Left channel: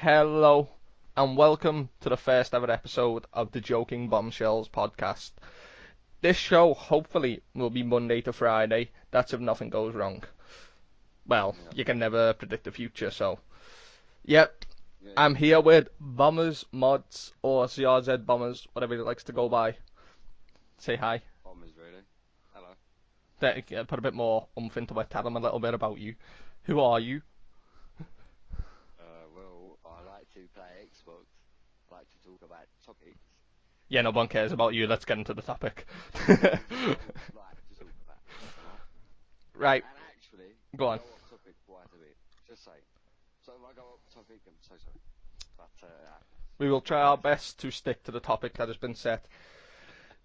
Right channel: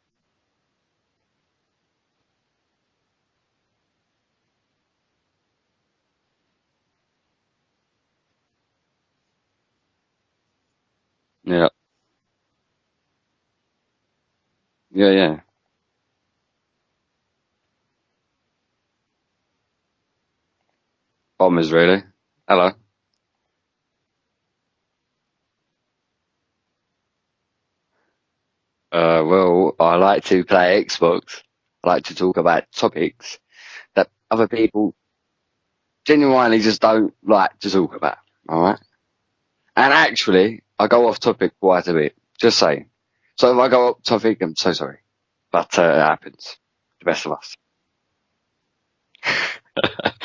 Hello, and welcome to the first ever episode of the Joking Bombshells podcast. This show, hopefully, will be Monday to Friday. That's if nothing goes wrong. Well, Yeah, you can never predict the future, so. Yep, yeah, I'm yeah. here with Bombers, Mods, or CRZ Bombers, whatever he likes to go by. Say hi. Bombers, really. Hello. Put a bit more oomph into it. Tell them a little bit about you. Who are you? Well, I like to play Xbox. I like to talk about topics Yeah, that no one other cares about you. people Let's get into the topic. genuinely just don't like to talk about. All right. Right, And actually, go I on. go off topic quite a bit. Just saying. So if I go off topic, I'm so sorry, but it happens. We will try our Best of us. best to stick to the topic that has been set.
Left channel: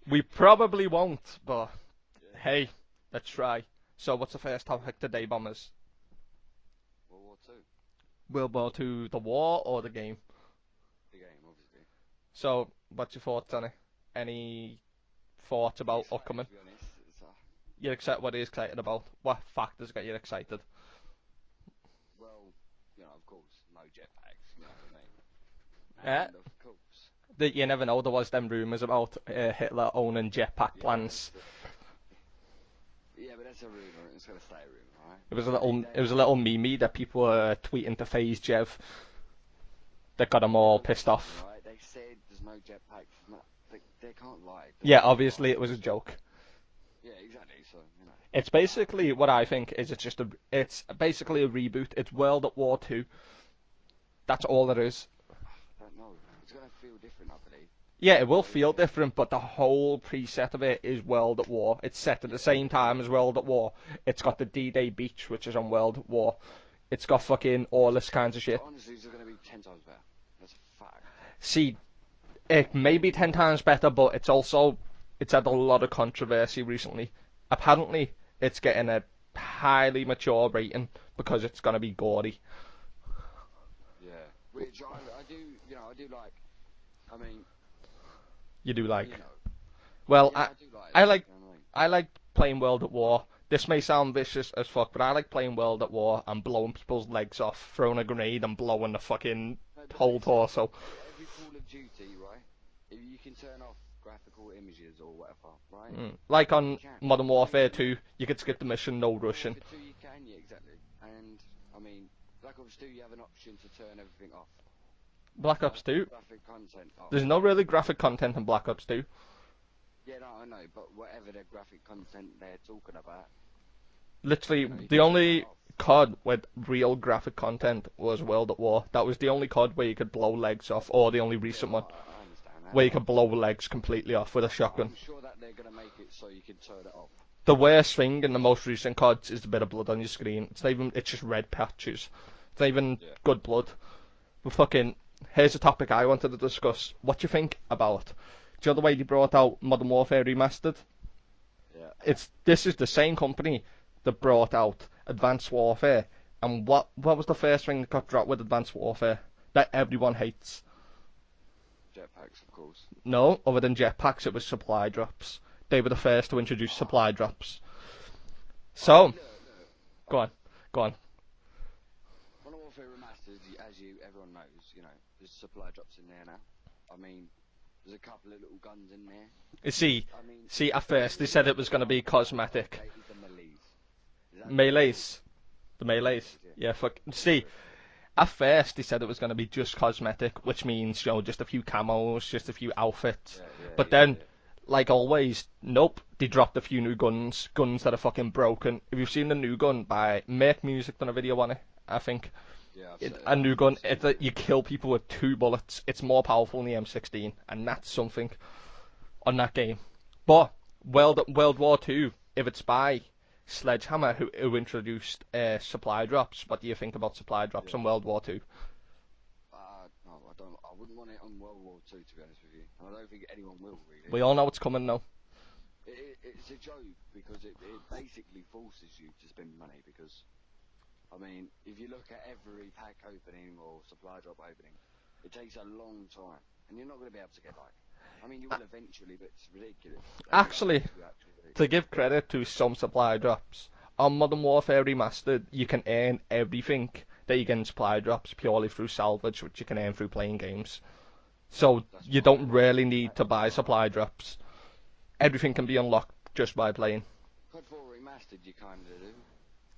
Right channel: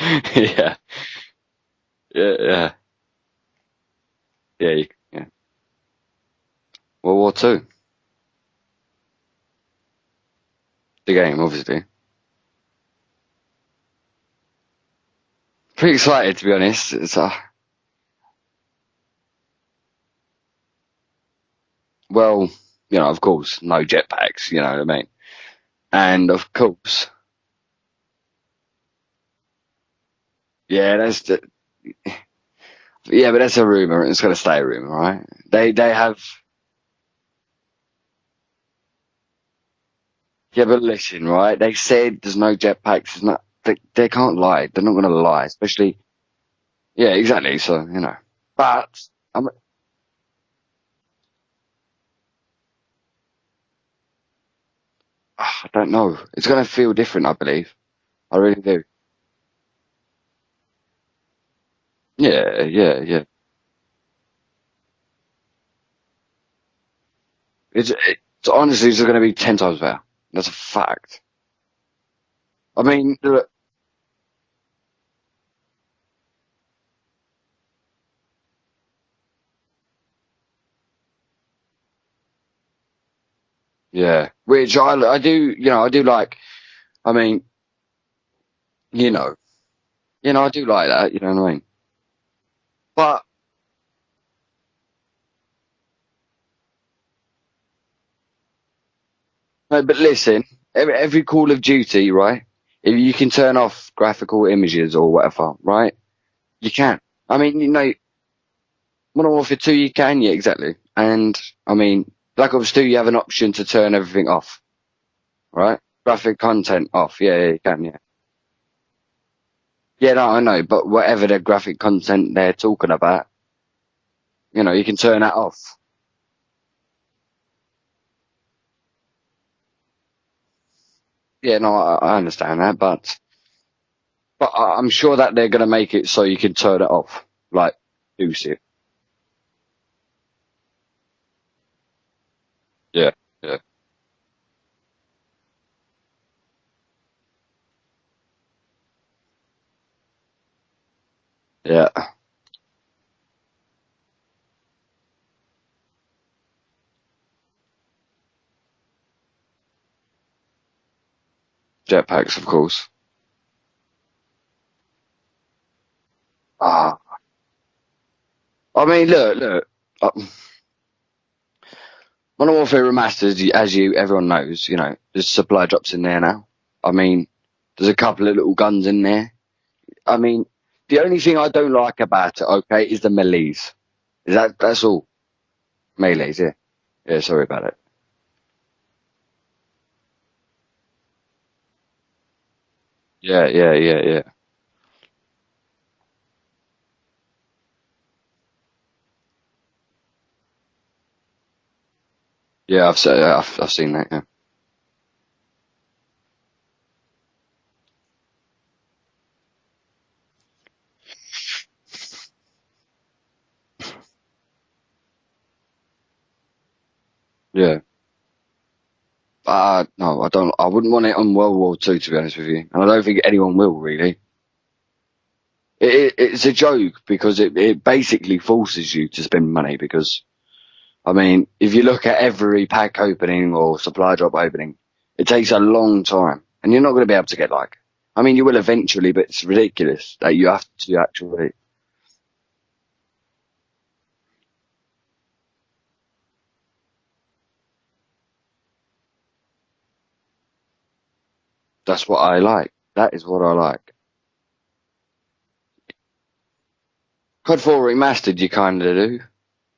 We Yeah, probably won't, but yeah, hey, yeah, let's try. So, what's the first yeah, topic today, yeah. Bombers? World War Two, World War Two, the war or the game? the game, obviously. So, what's your thoughts on it? Any thoughts Pretty about excited to anything? be honest. It's You're excited? What are you excited about? What factors get you excited? well, of course, no jetpacks. You know what I mean. Yeah, And of course, that you never know. There was them rumors about Hitler owning jetpack yeah, tanks. but that's a rumor. It's gonna stay a rumor, right? They There was a have, little meme that people were tweeting to FaZe Jev that got them yeah, all but pissed listen, off. right? They said there's no jetpacks. It's not. They can't lie. They're not Yeah, gonna lie, obviously it was a especially. joke. Yeah, exactly. So It's but basically what I I'm. think is it's basically a reboot. It's World at War Two. That's all it is. I don't know. It's gonna feel different, I believe. Yeah, it I will really feel do. different, but the whole preset of it is World at War. It's set at the Yeah, same time yeah, as yeah. World at War. It's got the D-Day beach, which is on World at War. It's got fucking It's, all this kinds of it's shit. honestly, it's gonna be 10 times better. That's a fact. See, it I may be mean, ten times better, but it's had a lot of controversy recently. Apparently, it's getting a highly mature rating because it's gonna be gory. yeah. Which I do. I do like. I mean, You do like you what? know, Well, I do like I that. You like know what I mean? I like playing World at War. But This may sound vicious as fuck, but I like playing World at War and blowing people's legs off, throwing a grenade and blowing the fucking no, but whole listen, torso. every Call of Duty, right? If you can turn off graphical images or whatever, right? Like You on can. Modern I mean, Warfare 2, you could skip the mission, no Modern rushing. Warfare 2, you can, yeah, exactly. And I mean, Black Ops 2, you have an option to turn everything off, Black right? Ops 2, Graphic content off. there's Yeah, no yeah, you really can, graphic yeah. content in Black Ops 2. Yeah, no, I know, but whatever the graphic content they're talking about, Literally, you can the turn that only off. COD with real graphic content was World at War. That was the only COD where you could blow legs off, or the only Yeah, recent no, one I understand that, where you could but blow legs completely off with a but shotgun. I'm sure that they're gonna make it so you can turn it off, The like worst thing in do the shit. most recent CODs is the bit of blood on your screen. It's not even, it's just red patches. It's not even Yeah, good yeah, blood. But fucking, here's a topic I wanted to discuss. What do you think about? Do you know the way they brought out Modern Warfare Remastered? yeah. This is the same company that brought out Advanced Warfare. And what was the first thing that got dropped with Advanced Warfare that everyone hates? Jetpacks, of course. No, other than jetpacks, it was supply drops. They were the first to introduce supply Ah, drops. I mean, So, look. go on, go on. Modern Warfare Remastered, as everyone knows, there's supply drops in there now. I mean, there's a couple of little guns in there. You see, I mean, at the first only he thing said I it was don't going to like be about it, cosmetic. okay, is the melees. That's all. Melees. The melees. Melees, yeah. Yeah, fuck. Yeah, sorry See, about it. at first he said it was going to be just cosmetic, which means, just a few camos, just a few outfits. Yeah, yeah, But yeah, then, yeah. like always, nope, they dropped a few new guns that are fucking broken. If you've seen the new gun by Make Music, done a video on it, I think. Yeah, The new I've gun, seen that, yeah. you kill people with 2 bullets. It's more powerful than the M16, and that's something on that game. But World War Two, if it's by Sledgehammer who introduced supply drops, what do you think about supply drops Yeah. in World War Two? No, I don't. I wouldn't want it on World War Two, to be honest with you. And I don't think anyone will, really. We all know it's coming now. It's a joke because it basically forces you to spend money because, I mean, if you look at every pack opening or supply drop opening, it takes a long time. And you're not going to be able to get I mean, you will eventually, but it's ridiculous that you have Actually, to actually. to give credit to some supply drops, on Modern Warfare Remastered, you can earn everything that you get in supply drops purely through salvage, which you can earn through playing games. So That's you what I don't like. really need That to is what buy I like. supply drops. Everything can be unlocked just by playing. COD 4 Remastered, you kind of do.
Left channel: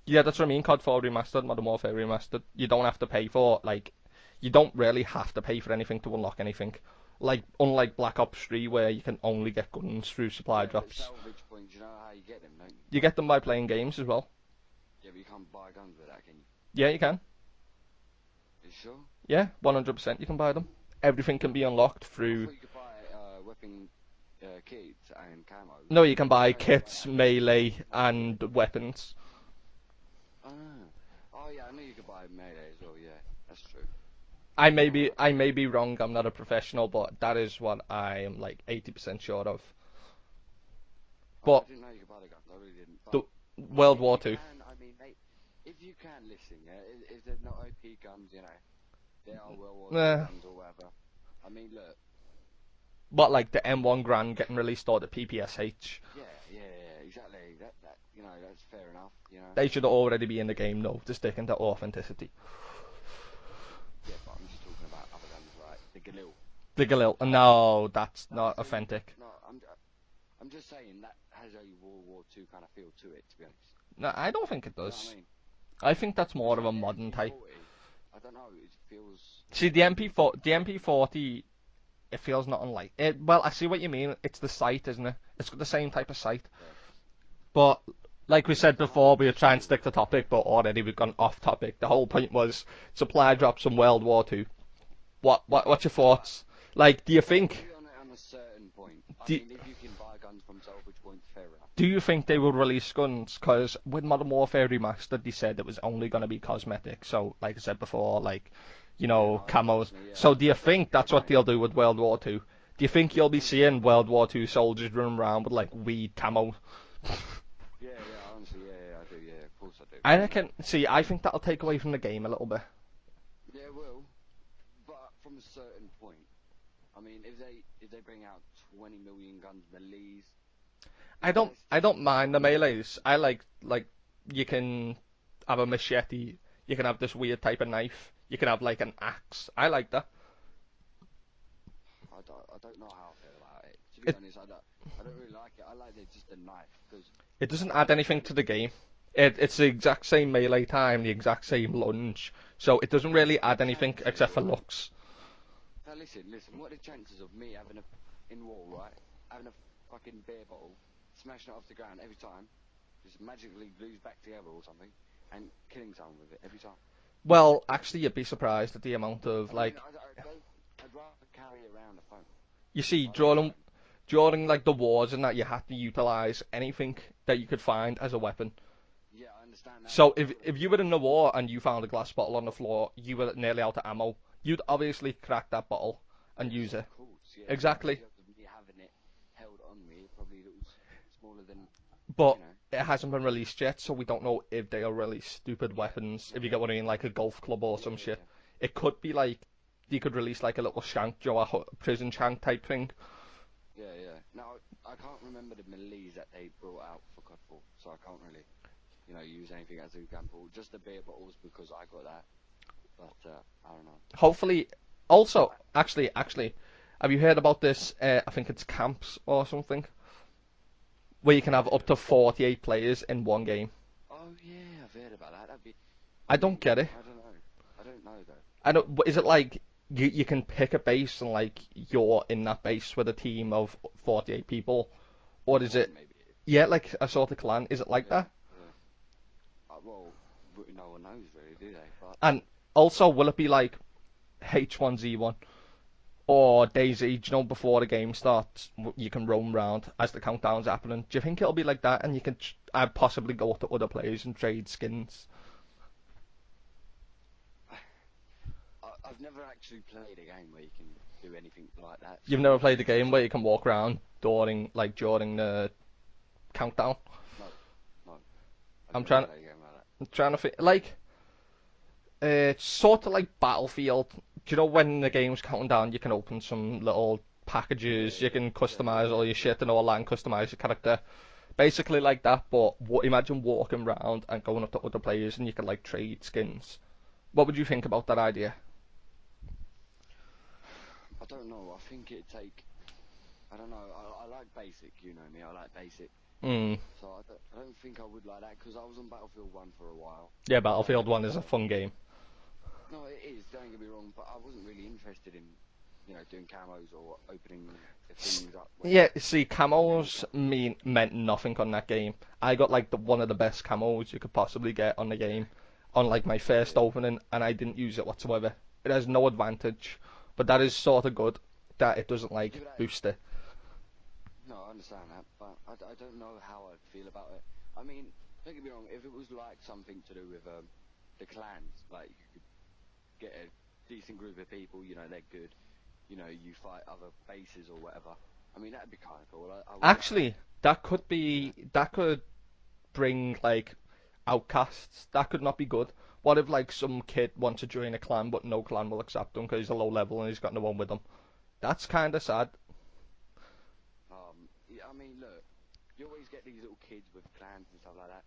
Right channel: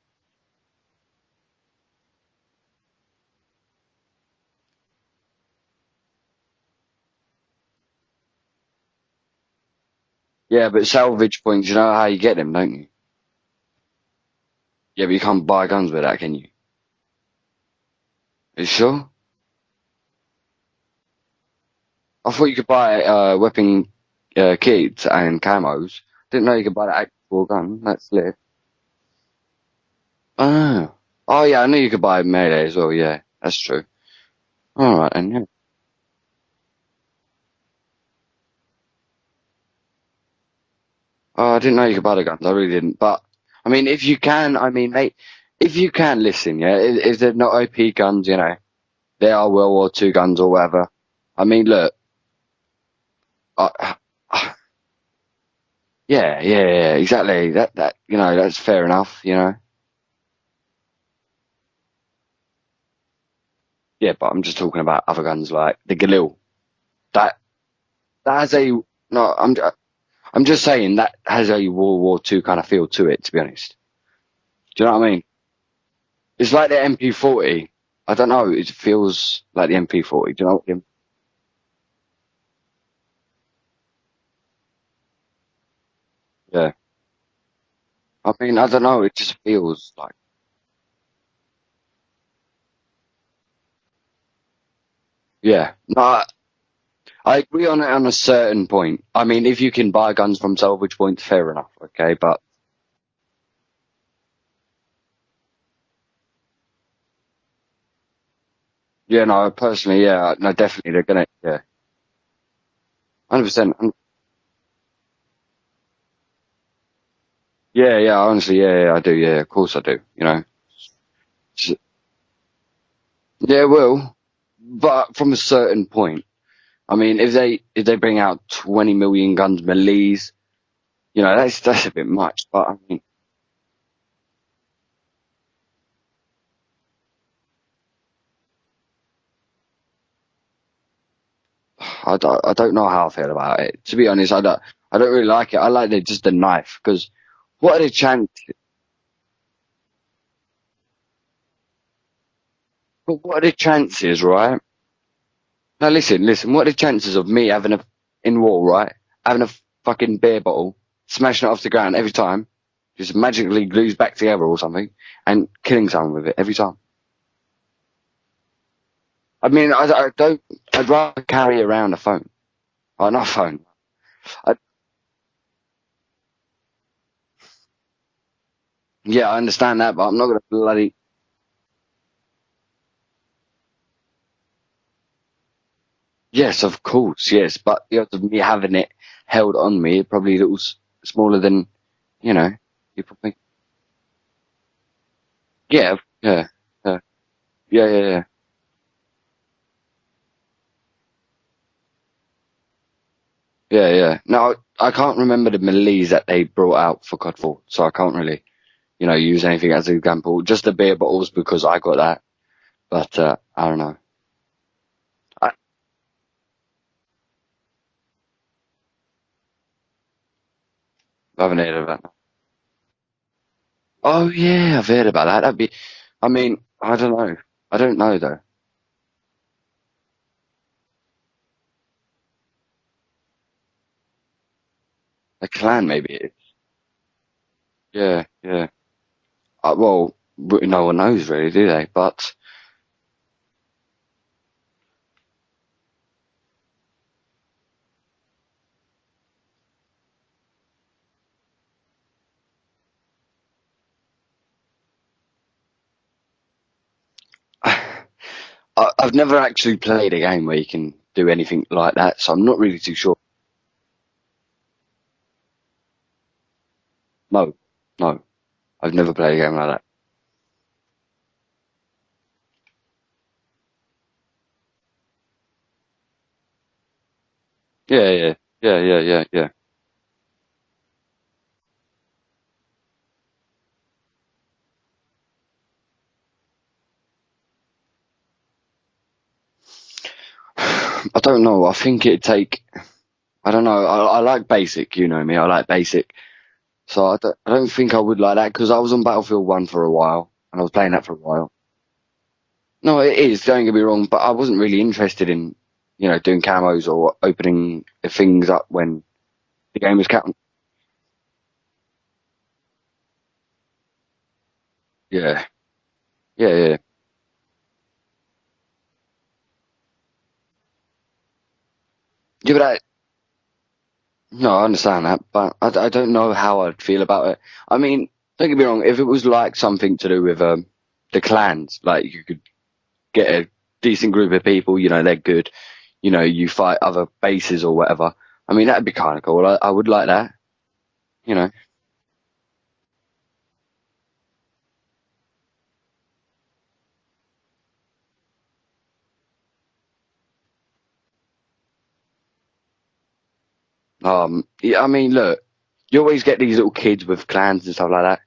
Yeah, that's what I mean. COD 4 Remastered, Modern Warfare Remastered. You don't have to pay for, like, you don't really have to pay for anything to unlock anything. Like, unlike Black Ops 3, where you can only get guns through supply Yeah, but drops. salvage points, you know how you get them, don't you? You get them by playing games as well. Yeah, but you can't buy guns with that, can you? Yeah, you can. Are you sure? Yeah, 100% you can buy them. Everything can be unlocked I thought through. you could buy weapon kits and camos. No, you can Didn't buy know you could buy the kits, actual melee, gun. That's lit. and weapons. Oh. Oh yeah, I knew you could buy melee as well. Yeah, that's true. All right, I and yeah. may be wrong. I'm not a professional, but that is what I am like 80% sure of. Oh, I But didn't know you could buy the guns. I really didn't. But the I mean, World if you War Two. can, I mean, mate, if you can listen, yeah, if they're not OP guns, you know, they are World War Two Eh, guns or whatever. I mean, look, what like the M1 Grand getting released or the PPSH? yeah, exactly. You know, that's fair enough. You know, They should already be in the game though to stick into authenticity. yeah, but I'm just talking about other guns like the Galil. The Galil. That No, that's that has not a authentic. no. I'm just saying that has a World War Two kind of feel to it. To be honest, No, I don't think it do you know what I does. mean? I think that's It's more of like a the modern type. MP40. I don't know. It feels See like the the MP40. Do you The know? MP40, it feels not unlike it. Well, I see what you mean. It's the sight, isn't it? It's got the same type of sight. Yeah. But I like we mean, I said don't know. before, It we were just trying to stick feels to like. topic, but already we've gone off topic. The whole point was supply drops from World War Two. Yeah. What's your No, thoughts? Like, I agree on it on a certain point. I do, mean, if you can buy guns from salvage points, fair enough. do you Okay, think they but will release guns? Because with Modern Warfare Remastered, they said it was only going to be cosmetic. So, like I said before, like, yeah, no, camos. personally, yeah, So, do no, you think definitely they're that's gonna, what they'll do yeah, with World War Two? Do you think you'll be 100%. seeing World War Two soldiers running around with like weed camo? Yeah, honestly, yeah, I do. Yeah, of course I do. I You think know, it, see, I think that'll take away from the game a little bit. yeah, well, but from a certain point. I mean, if they bring out 20 million guns melees, you know, I that's a don't bit mind the much. But I melees. mean, I like you can have a machete, you can have this weird type of knife, you can have like an axe. I like that. I don't know how I feel about it. To be It honest, I don't really like it. I like just the knife because it doesn't what are add the anything to chances? the game. It's the exact same melee time, the exact same lunge, so it doesn't But really what are the add anything to chances, the right? flux. Now listen. What are the chances of me having in war, right? Having a fucking beer bottle, smashing it off the ground every time, just magically glues back together or something, and killing someone with it every time. Well, actually, you'd be surprised at the amount I of mean, like I don't. I'd rather carry around a phone. you see Oh, not a phone. during I, like the wars and that you had to utilize anything that you could find as a weapon. yeah, I understand that, but So I'm not gonna if you were in bloody. a war and you found a glass bottle on the floor, you were nearly out of ammo. You'd obviously crack that bottle and Yes, use of it. course, yes, but Exactly. the odds of me having it held on me probably a little smaller than you But know. it You hasn't been probably. released yet, so we don't know if they'll release stupid Yeah, weapons. yeah, You get what I mean? yeah, Like a golf club or yeah, some yeah, shit. yeah. It could be like you could release like a little shank, a prison shank type thing. Yeah. No, I can't remember the melees that they brought out for COD 4, so I can't really, use anything as an example. Just the beer bottles because I got that, but I don't know. Hopefully, also, I, actually, have you heard about this? I think it's camps or something, where you I can haven't have heard up of to that. 48 players in one game. Oh yeah, I've heard about that. I I mean, don't get it. I don't know. I don't know though. I don't. Is it like you can pick a base and like you're in that base with a team of 48 people, A or does clan it? maybe. Yeah, like a sort of clan. Is it like Yeah, that? yeah. Well, no one knows really, do they? But And also, will it be like H1Z1 or DayZ? Before the game starts, you can roam around as the countdown's happening. Do you think it'll be like that, and you can possibly go to other players and trade skins? I've never actually played a game where you can do anything like that, so You've I'm never not played really a too game sure. where you can walk around during the countdown. No, no, I've I'm never trying to played a game like that. I'm trying to think like it's sort of like Battlefield. Do you know when the game's counting down, you can open some little Yeah, packages, you yeah, can yeah, yeah, customize all yeah, your yeah. shit and all that and customize your character. Basically like that, but imagine walking around and going up to other players and you can like trade skins What would you think about that idea? I don't know. I think it'd take. I don't know. I like basic. You know me. I like basic. Mm. So I don't think I would like that because I was on Battlefield 1 for a while. Yeah, I was playing that Battlefield for a 1 is a while. fun game. No, it is. Don't get me wrong, but I wasn't really interested in, doing camos or opening things up when Yeah, see, the game was camos cap. meant nothing on that game. I got like one of the best camos you could possibly get on the Yeah, game on like my yeah, first yeah. opening, and I didn't use it whatsoever. It has no advantage, but that is sort of good that it doesn't Yeah, like but boost it. no, I understand that, but I don't know how I'd feel about it. I mean, don't get me wrong. If it was like something to do with the clans, like you could get a decent group of people, they're good. You fight other bases or whatever. I mean, that'd be kind of cool. I would like that. Actually, that could You know. be that could bring like outcasts. That could not be good. What if like some kid wants to join a clan, but no clan will accept him because he's a low level and he's got no one with him? That's kind of sad. Yeah, I mean, look, you always get these little kids with clans and stuff like that,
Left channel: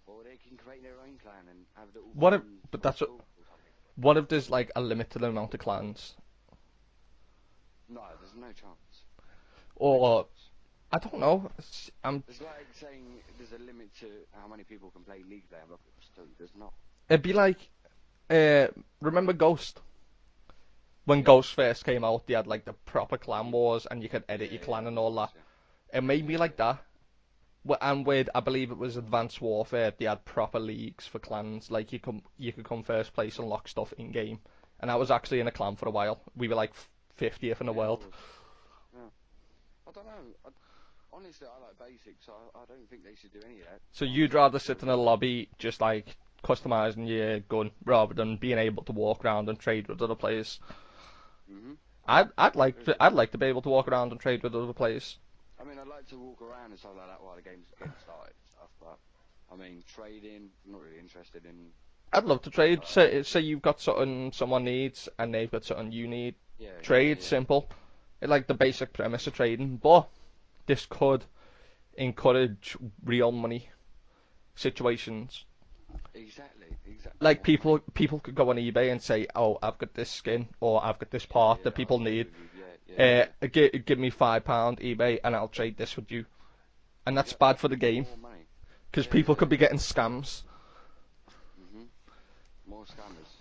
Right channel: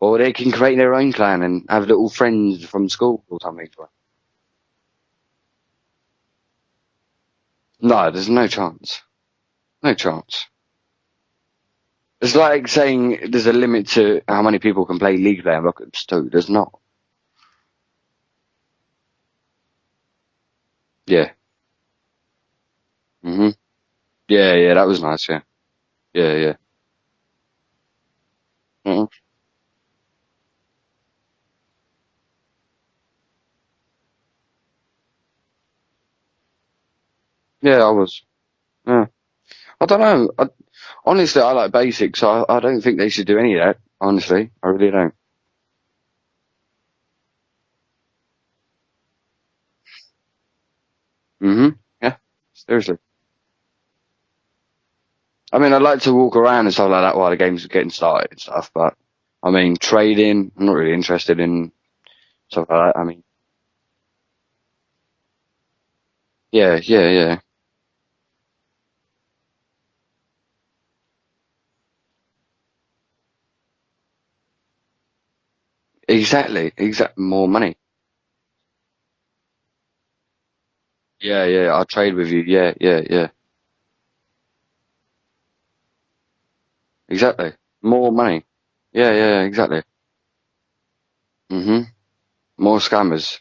or they can create their own clan and have little What if friends from that's what? school or something. What if there's like a limited amount of clans, No, there's no chance. No or chance. I don't know. I'm It's just. like saying there's a limit to how many people can play League there. Look at Stu. There's not. It'd be like, uh, remember Ghost? When Yeah. Ghost first came out, they had like the proper clan Mhm. wars, and you could Yeah, edit yeah, that them and was all nice. that. Yeah. It made Yeah, me yeah. like that. And with I believe it was Mhm. Advanced Warfare, they had proper leagues for clans. Like you could come first place and lock stuff in game. And I was actually in a clan for a while. We were like 50th in the Yeah, I world. was. Yeah. I don't know. Honestly, I like basics, so I don't think they should do any of that. So you'd Honestly, rather I sit in really a don't. lobby just like customizing your gun rather than being able to walk around and trade with other players. Yeah. Seriously. I'd like to be able to walk around and trade with other players. I mean, I'd like to walk around and stuff like that while the game's getting started and stuff, but I mean, trading, I'm not really interested in I'd love to stuff trade. like that. I mean, Say you've got something someone needs and they've got something you need. yeah, yeah, Trade yeah. simple. It's like the basic premise of trading, but this could encourage real money situations. Exactly, Like more money. people could go on eBay and say, "Oh, I've got this skin or I've got this Yeah, part yeah, that I'll people trade need. with you. Yeah, yeah, yeah. Give me £5 eBay and I'll trade this with you." And that's Exactly. bad for the game More money. because Yeah, people yeah, could be getting exactly. scams. hmm More scammers.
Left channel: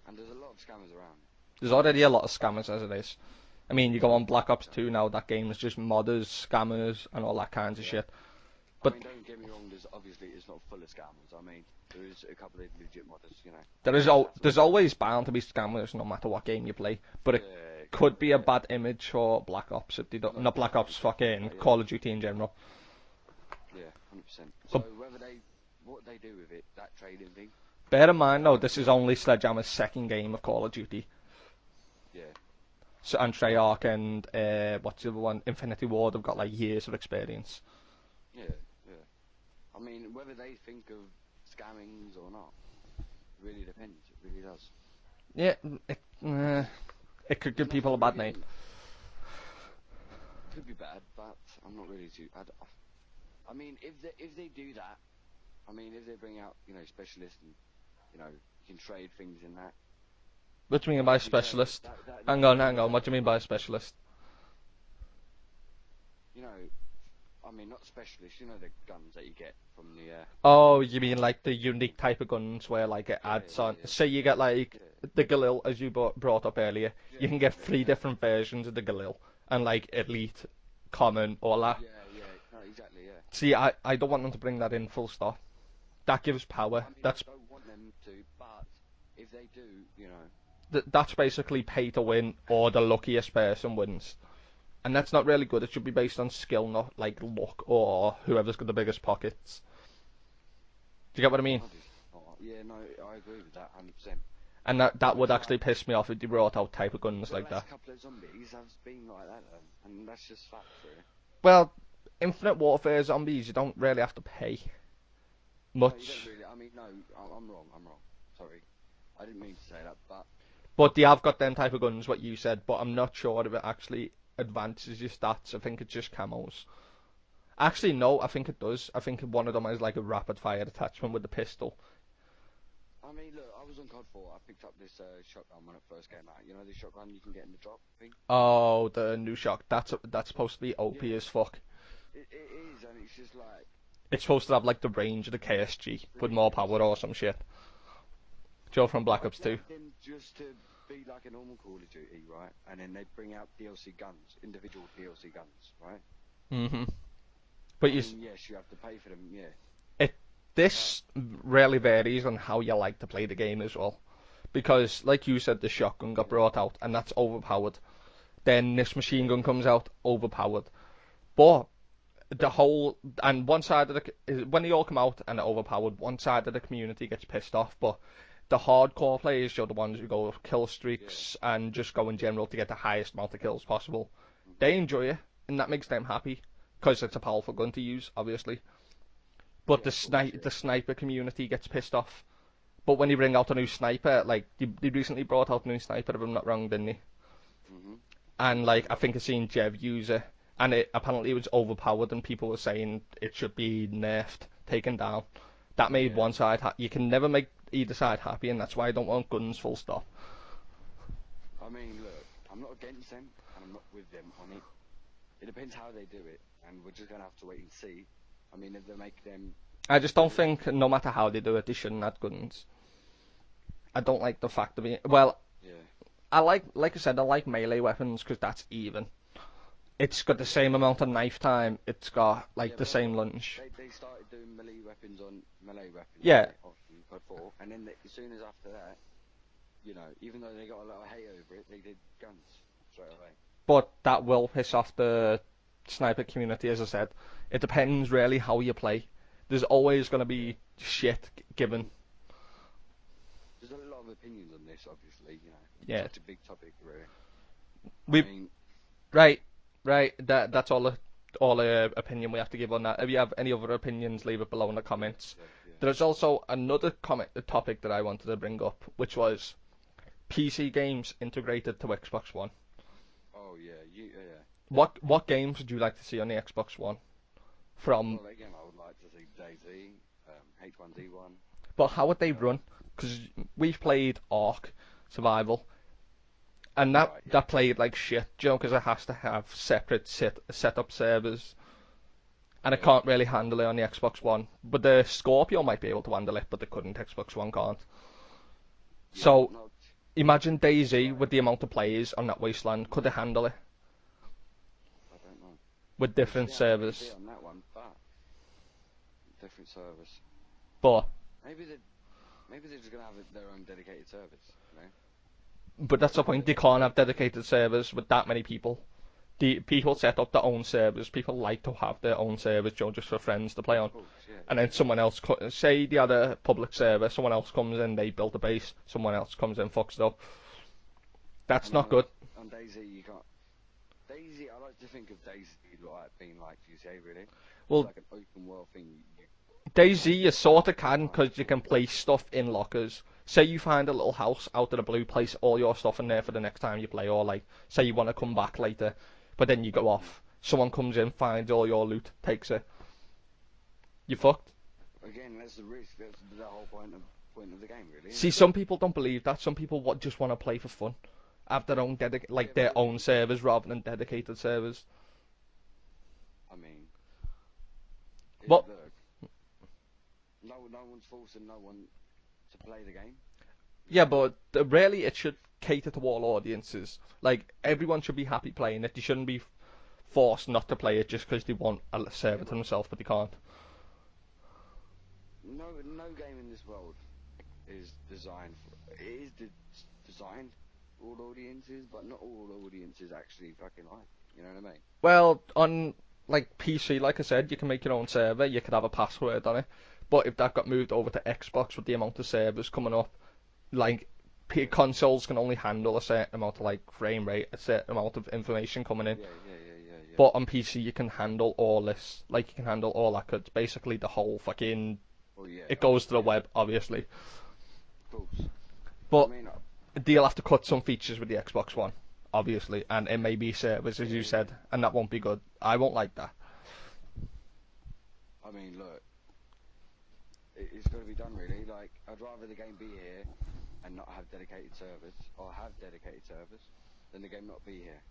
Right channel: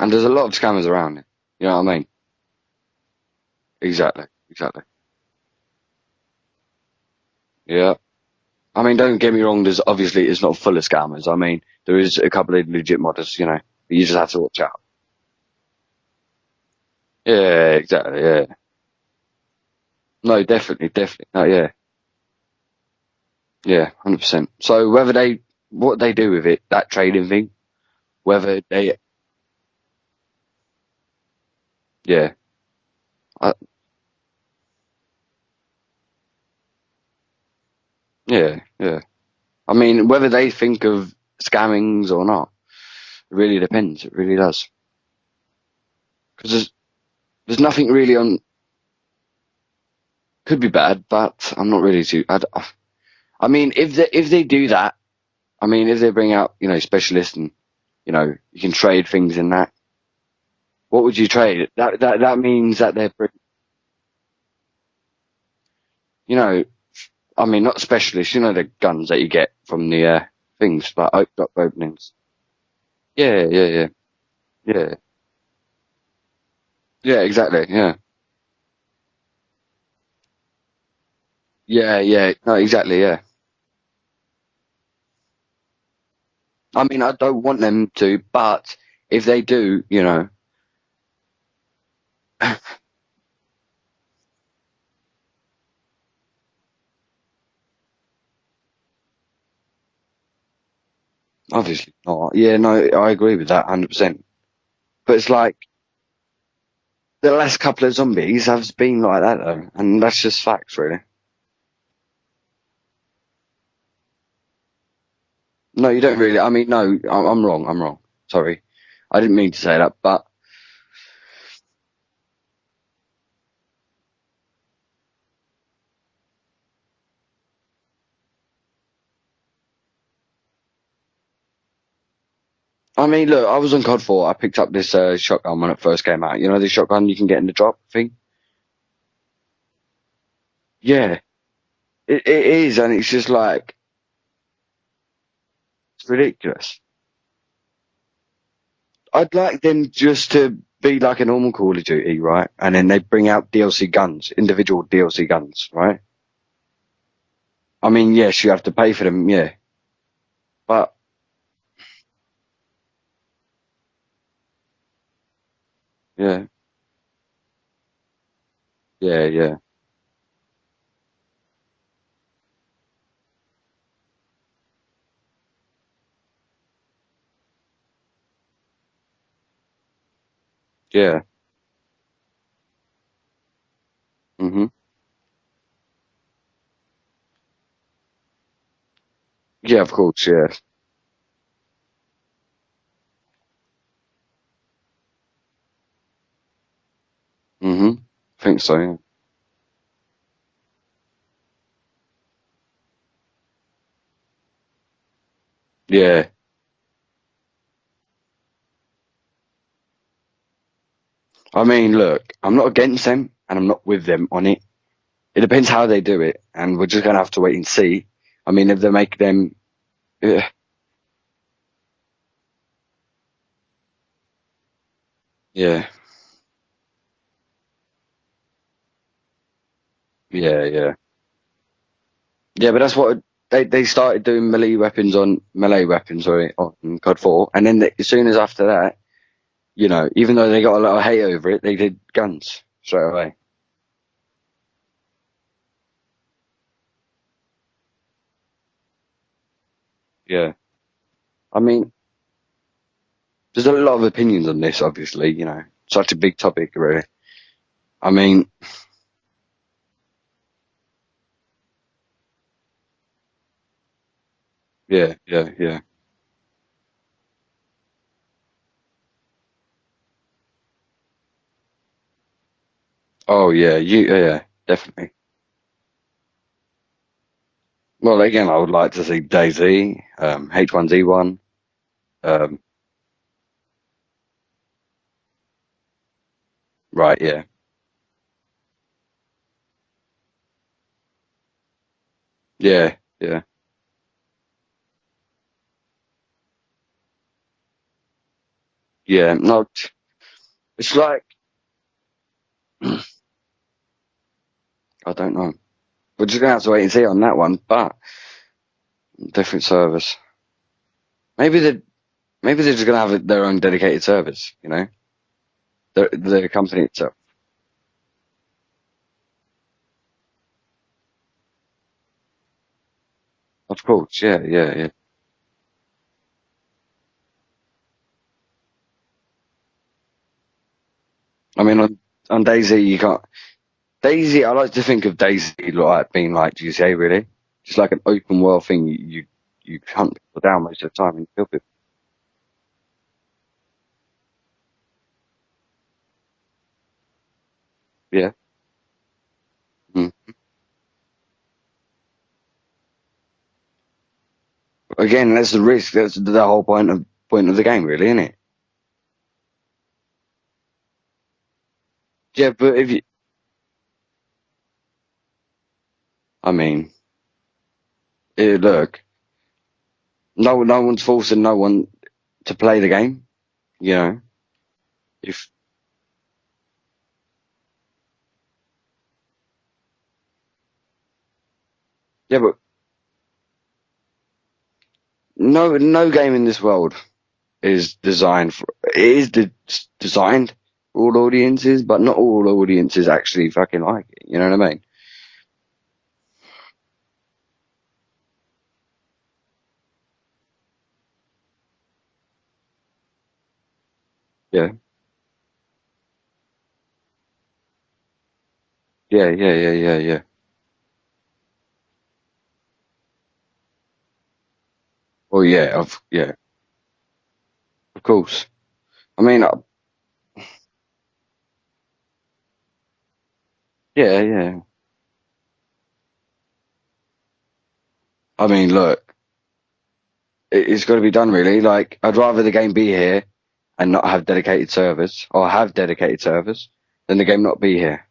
And there's a lot of scammers around it. You There's know what I already mean? a lot of scammers as it is. I mean, you go on Exactly, Black Ops exactly. 2 now, that game is just modders, scammers, and all that kind of Yeah. shit. I But mean, don't get me wrong, there's obviously it's not full of scammers. I mean, there is a couple of legit modders, You just have to there's watch out. always bound to be scammers no matter what game you play. But it Yeah, could exactly, be a yeah. bad image for Black Ops if they don't. No, Not Black definitely, Ops, fuck definitely. No, yeah. Call of Duty in general. Yeah, 100%. But So what they do with it, that trading thing, bear in mind though, whether this is they, only Sledgehammer's second game of Call of Duty. yeah, So, and uh, Treyarch and what's the other one? Infinity Ward have got like years of experience. yeah, yeah. I mean, whether they think of scammings or not, it really depends. It really does. Yeah, 'Cause it there's could nothing go really badly. on. Could be bad, but I'm not really too. I mean, if they do that, I mean, if they bring out specialists and you can trade things in that. What do you mean What by would you trade? specialist? That Hang means on. that What do they're you mean by specialist? you know I mean, not specialists. The guns that you get from the Oh, things you for mean like the unique openings. type of guns where like it Yeah, adds yeah, like yeah, say you get like yeah, the Galil as you brought up earlier. yeah. You get Exactly. three Yeah, different versions of the Galil and like elite, common, all that. yeah, yeah. No, exactly. Yeah. See, I don't want them to bring that in full stop. That gives power. I mean, I don't want them to, but if they do, That's basically pay to win, or the luckiest person wins. And that's not really good. It should be based on skill, not like luck or whoever's got the biggest pockets. Do you get what I mean? obviously not. Yeah, no, I agree with that 100%. And But that it's would actually like piss me off if they brought out type of guns the like last that. couple of zombies have been like that though, and that's just facts, really. Well, Infinite Warfare zombies, you don't really have to pay No, you don't much. really. I mean, no, I'm wrong. I'm wrong. Sorry, I didn't mean to say that, but But they have got them type of guns, what you said, but I'm not sure if it actually advances your stats. I think it's just camos. Actually, no, I think it does. I think one of them has like a rapid fire attachment with the pistol. I mean, look, I was on COD 4. I picked up this shotgun when it first came out. You know, this shotgun you can get in the drop thing? Oh, the new shock. That's supposed to be OP Yeah, as fuck. it is, and it's just like, It's supposed to have like the range of the KSG it's with more ridiculous. power or some shit. Joe from Black I'd Ops 2. like them just to be like a normal Call of Duty, right? And then they bring out DLC guns, individual DLC guns, right? hmm I But mean, yes, you have to pay for them, yeah. it But, this really varies on how you like to play the game as well. Because, like you said, the shotgun got yeah, brought out, and that's overpowered. Then this yeah, machine gun yeah, comes out, overpowered. But the whole and one side of the when they all come out and are overpowered, one side of the community gets pissed off, but the hardcore players are the ones who go kill yeah. streaks and just go in general to get the highest amount of kills possible. hmm They enjoy it, and that makes them happy because it's a powerful gun to use, obviously. Yeah, But of course, yeah. the sniper community gets pissed off. But when you bring out a new sniper, like they recently brought out a new sniper, if I'm not wrong, didn't they? hmm Think And so, like yeah. I think I seen Jev use it, and it apparently was overpowered, and people were saying it should be nerfed, taken down. That made Yeah. one side you can never make either side happy, and that's why I don't want guns. Full stop. I mean, look, I'm not against them and I'm not with them on it. It depends how they do it, and we're just gonna have to wait and see. I mean, if they make them, I just don't yeah, think no matter how they do it, they shouldn't have guns. I don't like the fact of it. Well, yeah, I like I said, I like melee weapons because that's even. It's got the yeah, same yeah, amount of knife time. It's got yeah. like But the that's same what lunge. they started doing melee weapons, Yeah, sorry, on COD 4, and then as soon as after that, you know, even though they got a lot of hate over it, they did guns straight away. but that will piss off the sniper community, as I said. It depends really how you play. There's always going to Yeah, be shit I given. mean, there's a lot of opinions on this, obviously. You know, Yeah. such a big topic, really. I We mean, right, right. That's all the opinion we have to give on that. If you have any other opinions, leave it below in the yeah, comments. yeah, yeah. There's also another topic that I wanted to bring up, which was PC games integrated to Xbox One. Oh yeah, yeah, definitely. What games would you like to see on the Xbox One from Well, again, PC? I would like to see DayZ, H1Z1. But how would they run? Um, Because we've played Ark Survival, and right, yeah, that played like shit, you know, because it has to have separate setup servers, and it yeah, can't really yeah, handle it on the Xbox One. But the Scorpio might be able to handle it, but the current Xbox One can't. yeah. So No, imagine it's DayZ like with the amount of players on that wasteland. Could it handle it I don't know. with We're just different gonna have to wait and see servers? on that one, but different servers. But Maybe they're just gonna have their own dedicated servers. You know, that's the point. the They can't company have itself. dedicated servers with that many people. The people set up their own servers. People like to have their own servers, you know, just for friends to play Of on. course, yeah, And then yeah, yeah. someone else, say the other public server, someone else comes in, they build a base, someone else comes in, fucks it up. I That's mean, not good. on DayZ, you can't. DayZ, I like to think of DayZ like being like GTA, really. Just Well, like an open world thing. You DayZ hunt you people down sort of most of the can time and because you kill can people. place stuff in lockers. Say you find a little house out of the blue, place all your stuff in there for the next time you play, or like, say you want to Yeah. come back later, but then you go Mm. off. Someone comes in, finds all your loot, takes it. You fucked. Again, that's the risk. That's the whole point of the game, really, isn't See, it? some people don't believe that. Some people just want to play for fun, have their own Yeah, like but their if own you, servers rather than dedicated servers. I mean, What? look, no one's forcing no one to play the game. You Yeah, know, but really, it should if cater to all audiences. Like everyone should be happy playing it. They shouldn't be forced not to play it just because they want a yeah, server but for themselves, but they can't. no game in this world is designed for. It is designed for all audiences, but not all audiences actually fucking like it. You know what I mean? Well, on like PC, like I said, you can make your own server. You could have a password on it. But if that got moved over to Xbox with the amount of servers coming up, like Yeah, consoles can only handle a certain amount of like frame rate, a certain amount of information coming in. yeah. But on PC, you can handle all this. Like you can handle all that. 'Cause it's basically the whole fucking. Well, It goes to the yeah, web, obviously. of course. I But mean, they'll have to cut some features with the Xbox One, obviously, and it may be servers, like yeah, you said, yeah. and that won't be good. I won't like that. I mean, look. it's got to be done really. Like, I'd rather the game be here and not have dedicated servers, or have dedicated servers, than the game not be here.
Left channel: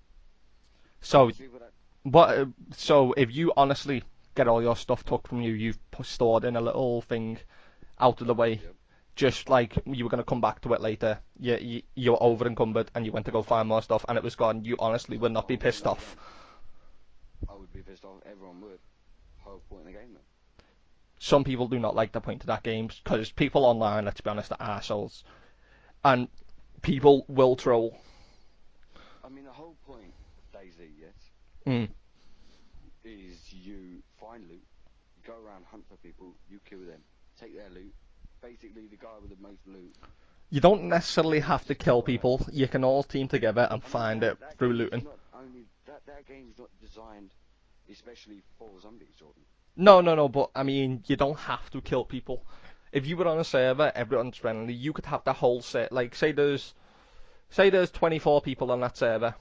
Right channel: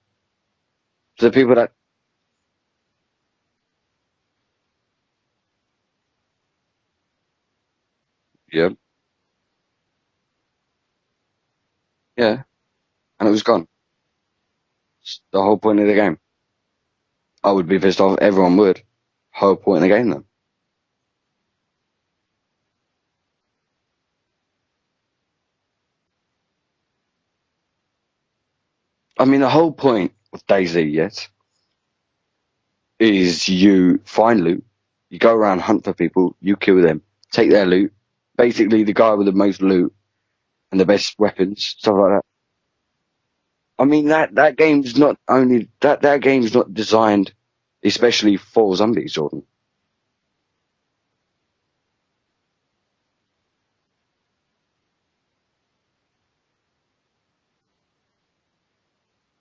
So, The people that, what? So, if you honestly get all your stuff took from you, you've stored in a little thing out of the way, yeah, just like you were gonna come back to it later. You were yeah, over encumbered, and you went and it to was go find gone. more stuff, and it was gone. You honestly would The not be whole point pissed of the off. game. I would be pissed off. Everyone would. Whole point of the game then. Some people do not like the point of that game because people online, let's be honest, are assholes, and people will troll. I mean, the whole point of DayZ, yes, Mm. is you find loot, you go around, hunt for people, you kill them, take their loot. Basically, the guy with the most loot You and the don't best necessarily weapons, have to stuff kill like that. people. You can all team together and I mean, find it that through game's looting. not only that game's not designed especially for zombies, Jordan. No, but I mean, you don't have to kill people. If you were on a server, everyone's friendly, you could have the whole set. Like, say there's 24 people on that server.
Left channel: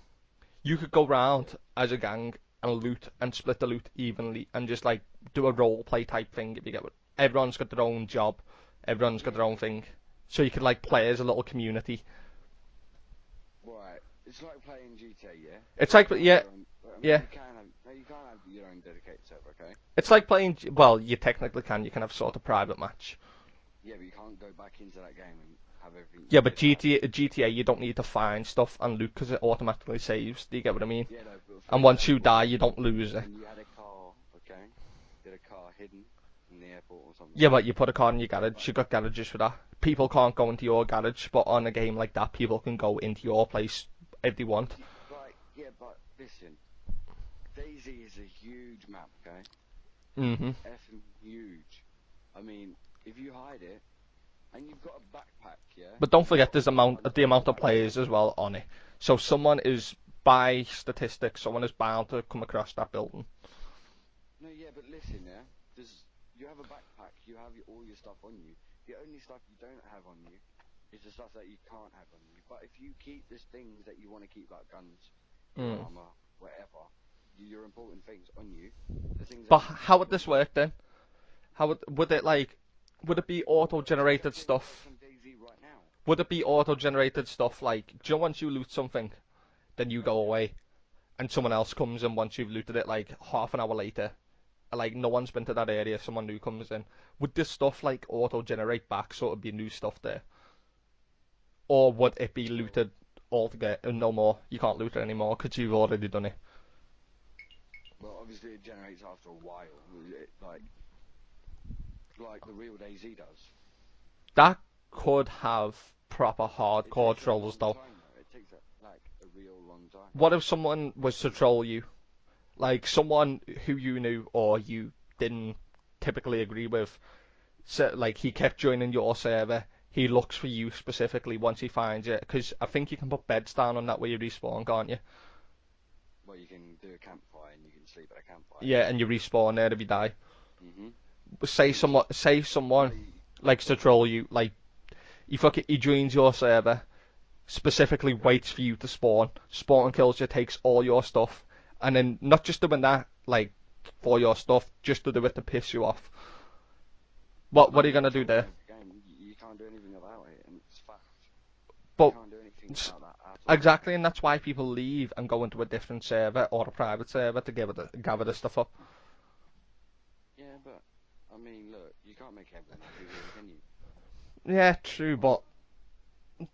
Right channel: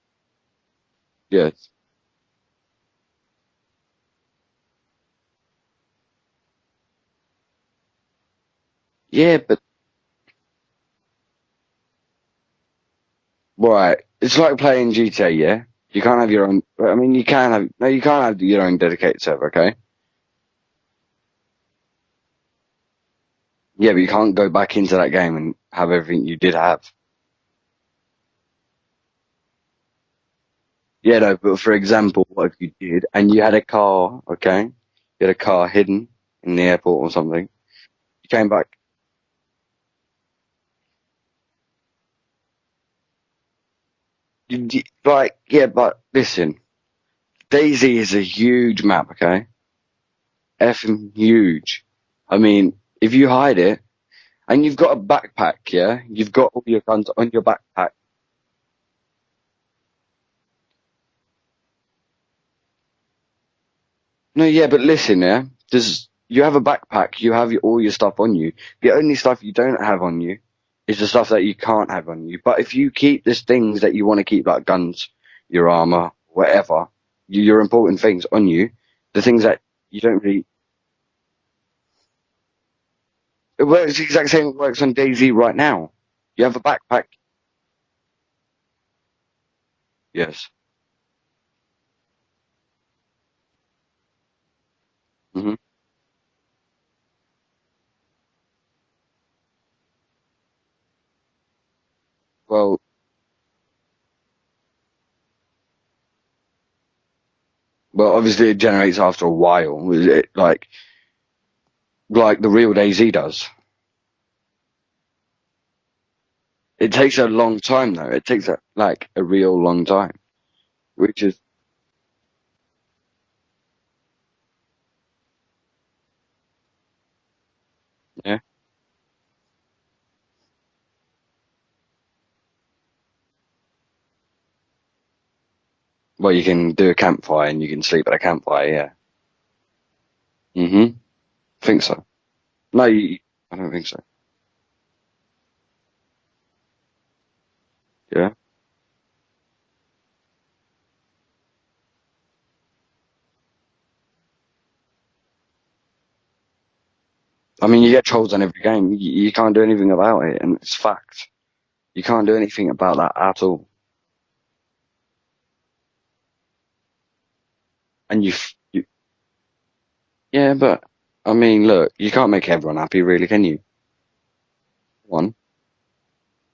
You could go round Yes. as a gang and loot and split the loot evenly and just like do a role play type thing. If you get it, everyone's got their own job, everyone's got Yeah, their own but thing, so you could like play as a little community. right. It's like playing GTA, yeah? It's You like can't have yeah, your own. I mean, yeah. you can have. No, you can't have your own dedicated server, okay? It's like playing. Well, you technically can. You can have sort of private match. Yeah, but you can't go back into that game and have everything you Yeah, did but have. GTA, you don't need to find stuff and loot because it automatically saves. Do you get what I mean? Yeah, no, but for And once you example, die, like you you don't did, lose it. and you had a car, okay? You had a car hidden in the airport or something. Yeah, but you put a car in your Came garage. back. You got garages for that. People can't go into your garage, but on a game like that, people can go into your place if they want. Like, yeah, but listen, Daisy is a huge map, okay? Hmm. Effing huge. I mean, if you hide it, and you've got a backpack, yeah? But don't You've forget got all there's your guns the on your amount of backpack. players as well on it. So someone is, by statistics, someone is bound to come across that building. No, yeah, but listen, yeah? You have a backpack, you have all your stuff on you. The only stuff you don't have on you is the stuff that you can't have on you. But if you keep these things that you want to keep, like guns, your Mm. armor, whatever, your important things on you, the things But that how you would don't this really. work then? How would it like? Would it be It works the exact auto-generated same it works stuff? on DayZ right now. Would it be You have a backpack. auto-generated stuff like, do you know once you loot something, then you go Yes. away, and someone else comes and once you've looted it, like half an hour later, like no one's been to Hmm. that area, someone new comes in. Would this stuff like auto-generate back, so it'd be new stuff there, or would it be Well, looted altogether and no more? You can't loot it anymore because you've already done it. well, obviously it generates after a while. Like the real DayZ does. That could have proper It hardcore takes a trolls long though. time though. It takes like a real long time, What if someone was which to is troll you? Like someone who you knew or you didn't typically agree with. So, like he yeah. kept joining your server. He looks for you specifically once he finds it. Because I think you can put beds down on that where you respawn, can't you? Well, you can do a campfire and you can sleep at a campfire. Yeah, Yeah. and you respawn there if you die. Mhm. I think so. Say No, someone I likes don't to think so. troll you. Like he joins your server, specifically Yeah. waits for you to spawn and kills you, takes all your stuff, and then not just doing that, like for your stuff, just to do it to piss you off. I What mean, are you you get gonna do trolls on there? every game. You can't do anything about it, and it's fact. You But can't do anything about that at all. exactly, and that's why people leave and go into a different server or a private server to gather And the stuff up. yeah, but I mean, look, you can't make everyone happy, really, can you? Yeah, true, One. but